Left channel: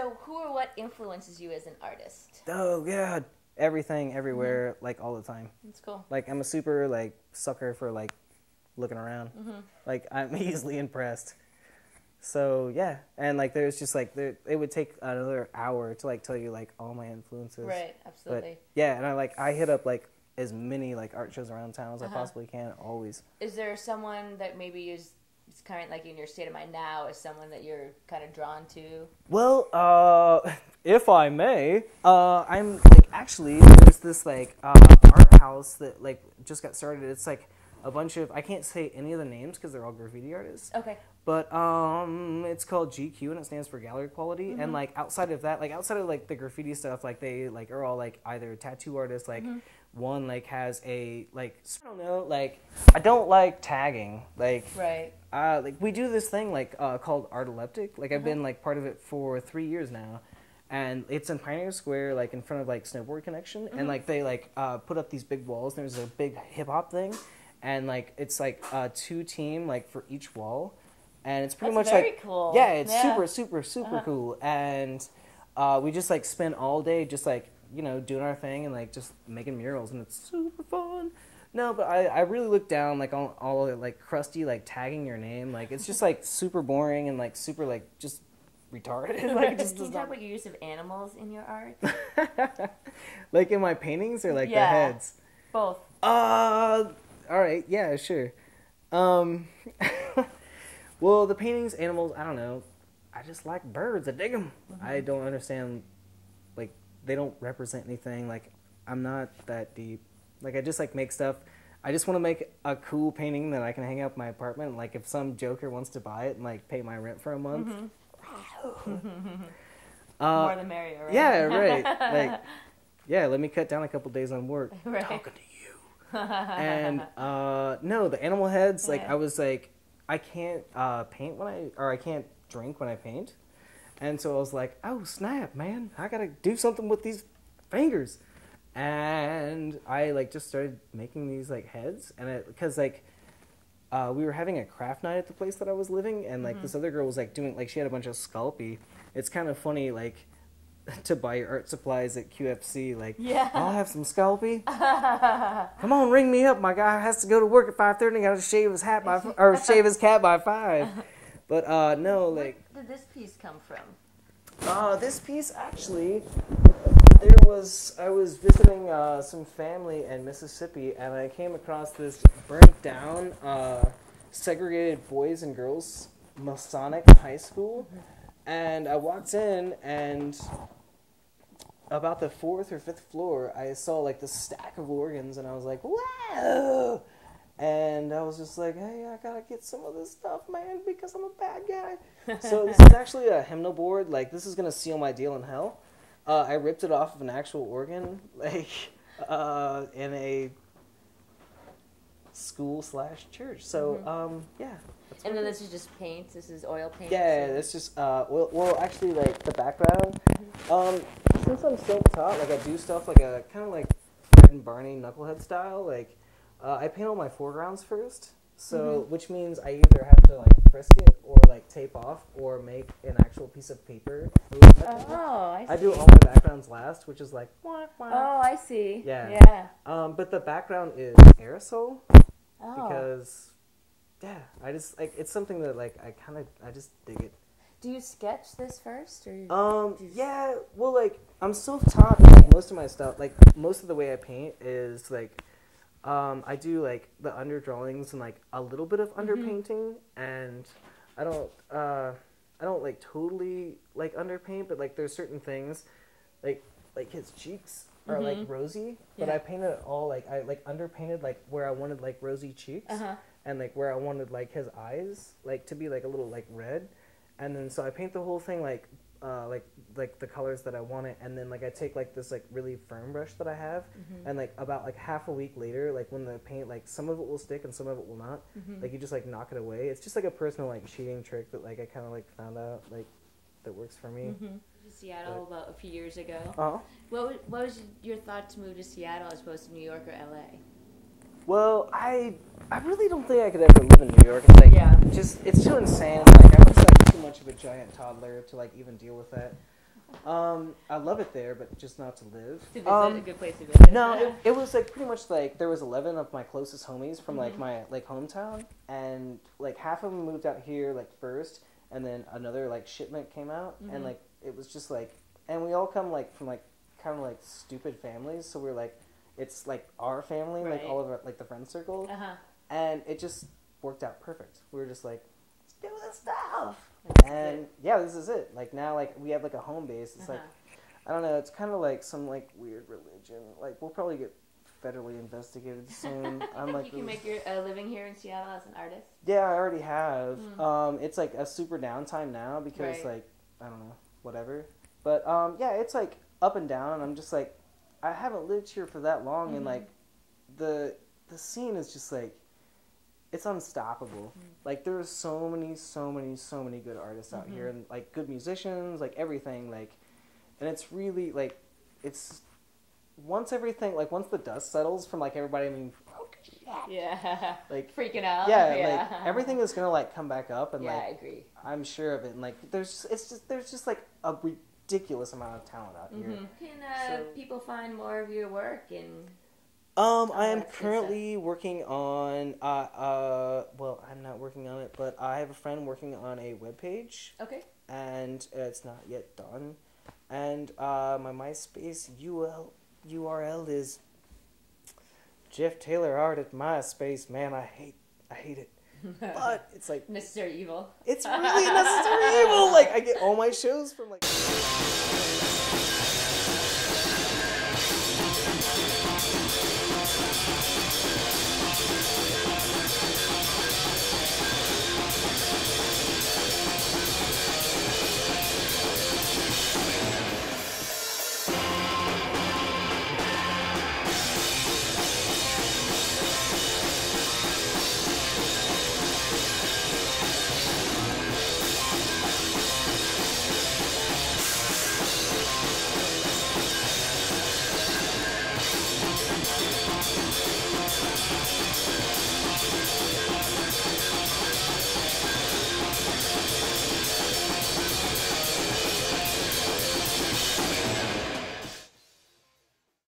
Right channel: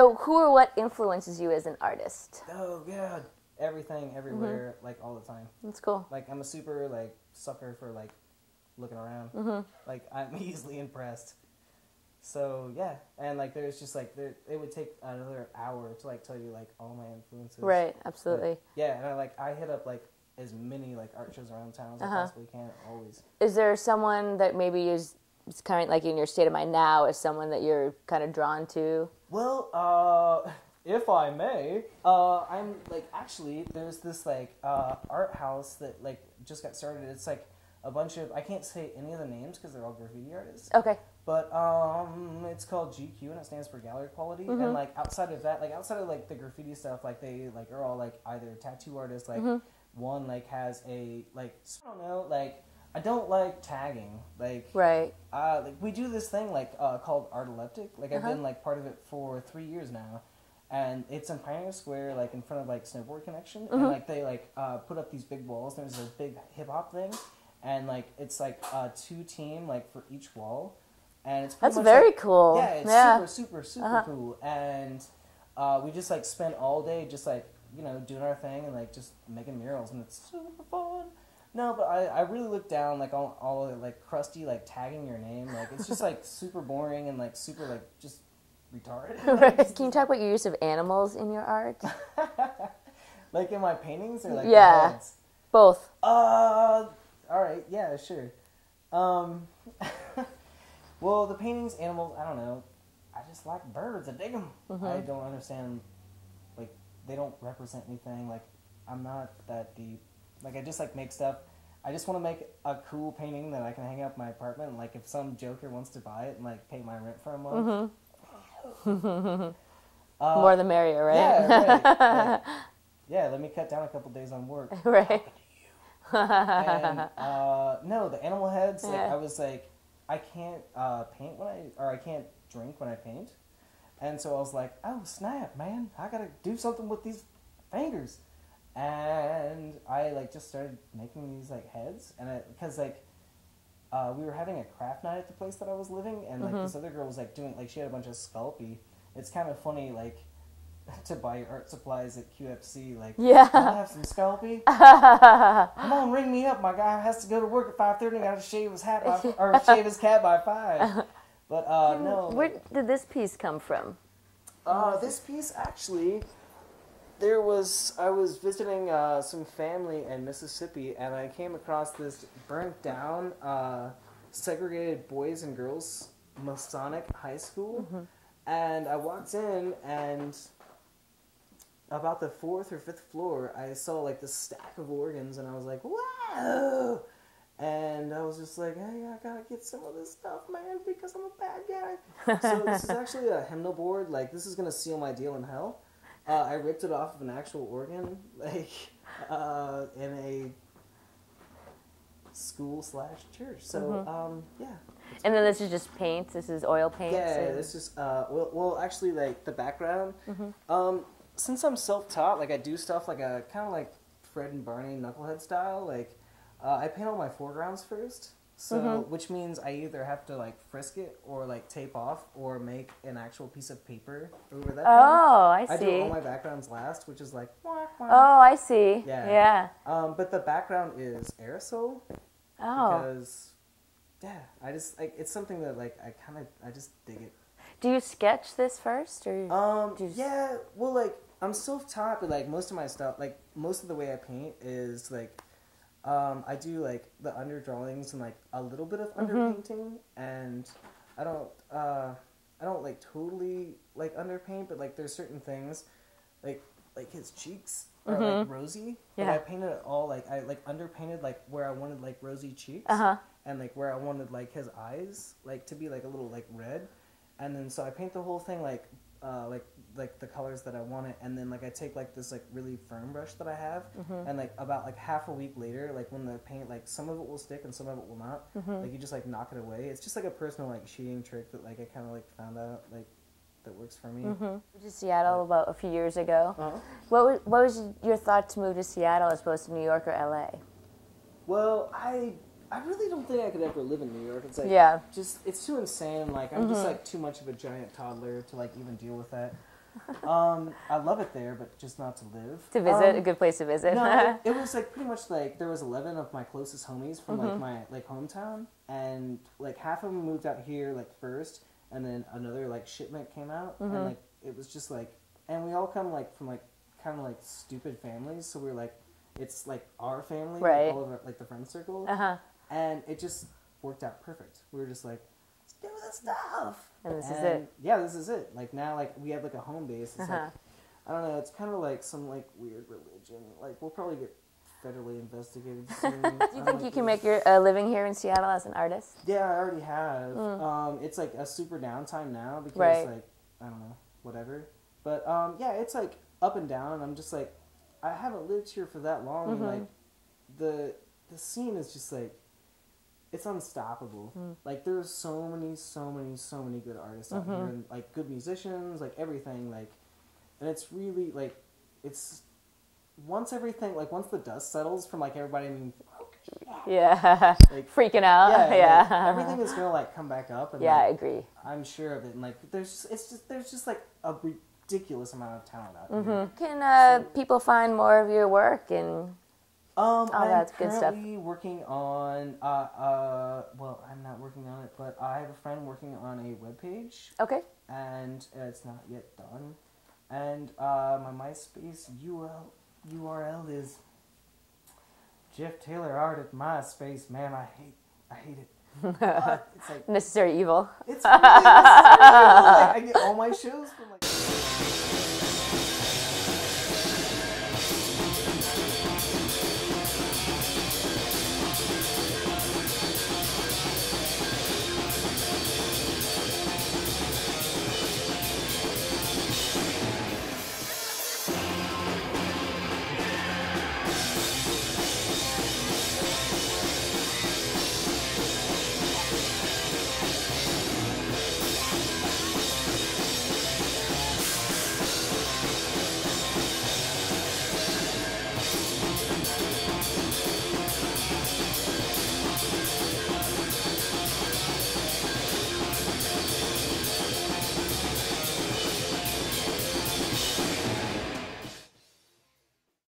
So who or what influences you as an artist? Oh, yeah. Everything, everywhere, like, all the time. That's cool. Like, I'm a super, like, sucker for, like, looking around. Like, I'm easily impressed. So, yeah. And, like, there's just, like, it would take another hour to, like, tell you, like, all my influences. Right, absolutely. But, yeah, and I hit up, like, as many, like, art shows around town as I possibly can, always. Is there someone that maybe is kind of, like, in your state of mind now, is someone that you're kind of drawn to? Well, if I may, I'm, like, actually, there's this, like, art house that, like, just got started. It's, like, a bunch of, I can't say any of the names because they're all graffiti artists. Okay. But, it's called GQ, and it stands for Gallery Quality. And, like, outside of that, like, outside of, like, the graffiti stuff, like, they, like, are all, like, either tattoo artists, like, one, like, has a, like, I don't know, like, I don't like tagging. Like, right. Like, we do this thing, like, called Art Elliptic. Like, I've been, like, part of it for 3 years now. And it's in Pioneer Square, like, in front of, like, Snowboard Connection. And, like, they, like, put up these big walls. And there's a big hip-hop thing. And, like, it's, like, 2-team, like, for each wall. And it's pretty much very like, cool. Yeah, it's super cool. And we just, like, spend all day just, like, you know, doing our thing and, like, just making murals. And it's super fun. No, but I really look down, like, on all of it, like, crusty, like, tagging your name. Like, it's just, like, super boring and, like, super, like, just retarded. Like, Can you talk about your use of animals in your art? Like, in my paintings or, like, Yeah. their heads? Both. All right, yeah, sure. Well, the paintings, animals, I don't know. I just like birds. I dig them. I don't understand, like, they don't represent anything. Like, I'm not that deep. Like, I just, like, make stuff. I just want to make a cool painting that I can hang up in my apartment. Like, if some joker wants to buy it and, like, pay my rent for a month. More the merrier, right? Yeah, right. Like, yeah, let me cut down a couple days on work. Right. Talking to you. And, no, the animal heads, like, I was like, I can't paint I can't drink when I paint. And so I was like, oh, snap, man. I got to do something with these fingers. And I, like, just started making these, like, heads. And because, like, we were having a craft night at the place that I was living. And, like, this other girl was, like, doing, like, she had a bunch of Sculpey. It's kind of funny, like, to buy your art supplies at QFC. Like, I'll have some Sculpey. Come on, ring me up. My guy has to go to work at 5:30. Got to shave his hat shave his cat by 5. But no. Where did this piece come from? This piece actually, I was visiting some family in Mississippi, and I came across this burnt down, segregated boys and girls Masonic high school, and I walked in, and about the 4th or 5th floor, I saw, like, this stack of organs, and I was like, wow! And I was just like, hey, I gotta get some of this stuff, man, because I'm a bad guy. So this is actually a hymnal board. Like, this is gonna seal my deal in hell. I ripped it off of an actual organ, like, in a school/church. So, yeah. And then this is just paint? This is oil paint? Yeah, it's just, well, actually, like, the background, since I'm self-taught, like, I do stuff like a, kind of like Fred and Barney Knucklehead style, like, I paint all my foregrounds first, so, which means I either have to, like, frisk it, or, like, tape off, or make an actual piece of paper. I see. I do all my backgrounds last, which is like, wah, wah. Oh, I see. Yeah. But the background is aerosol, because... Yeah, I just, like, it's something that, like, I just dig it. Do you sketch this first, or? Yeah, well, like, I'm self-taught, like, most of my stuff, like, most of the way I paint is, like, I do, like, the underdrawings and, like, a little bit of underpainting, and I don't, like, totally, like, underpaint, but, like, there's certain things, like his cheeks are, like, rosy, but I painted it all, like, I, like, underpainted, like, where I wanted, like, rosy cheeks. And, like, where I wanted, like, his eyes, like, to be, like, a little, like, red. And then, so I paint the whole thing, like the colors that I wanted. And then, like, I take, like, this, like, really firm brush that I have. And, like, about, like, half a week later, like, when the paint, like, some of it will stick and some of it will not. Like, you just, like, knock it away. It's just, like, a personal, like, cheating trick that, like, I kind of, like, found out, like, that works for me. Moved to Seattle about a few years ago. What was your thought to move to Seattle as opposed to New York or LA? Well, I really don't think I could ever live in New York. It's like, it's too insane. Like, I was like too much of a giant toddler to, like, even deal with that. I love it there, but just not to live. To visit, a good place to visit. No, it was like pretty much like there was 11 of my closest homies from like my like hometown, and like half of them moved out here like first, and then another like shipment came out, and like it was just like, and we all come like from like kind of like stupid families, so we're like, it's like our family, right? Like, all of our, like the friend circle, and it just worked out perfect. We were just like, let's do this stuff. And this is it. Yeah, this is it. Like now, like we have like a home base. It's like, I don't know. It's kind of like some like weird religion. Like we'll probably get federally investigated soon. Do you think you can make your living here in Seattle as an artist? Yeah, I already have. It's like a super downtime now because like I don't know, whatever. But yeah, it's like up and down. I'm just like, I haven't lived here for that long, and like the scene is just like, it's unstoppable. Like there are so many good artists out here, and like good musicians, like everything, like, and it's really like, it's once the dust settles from like everybody, I mean, like freaking out, like, everything is gonna like come back up, and like, I agree. I'm sure of it, and like there's just like a ridiculous amount of talent out here. Can people find more of your work and? I'm currently working on, well, I'm not working on it, but I have a friend working on a webpage. Okay. And it's not yet done. And my MySpace URL is Jeff Taylor Art at MySpace. Man, I hate it. But it's like necessary evil. It's really necessary evil. Like I get all my shows from like.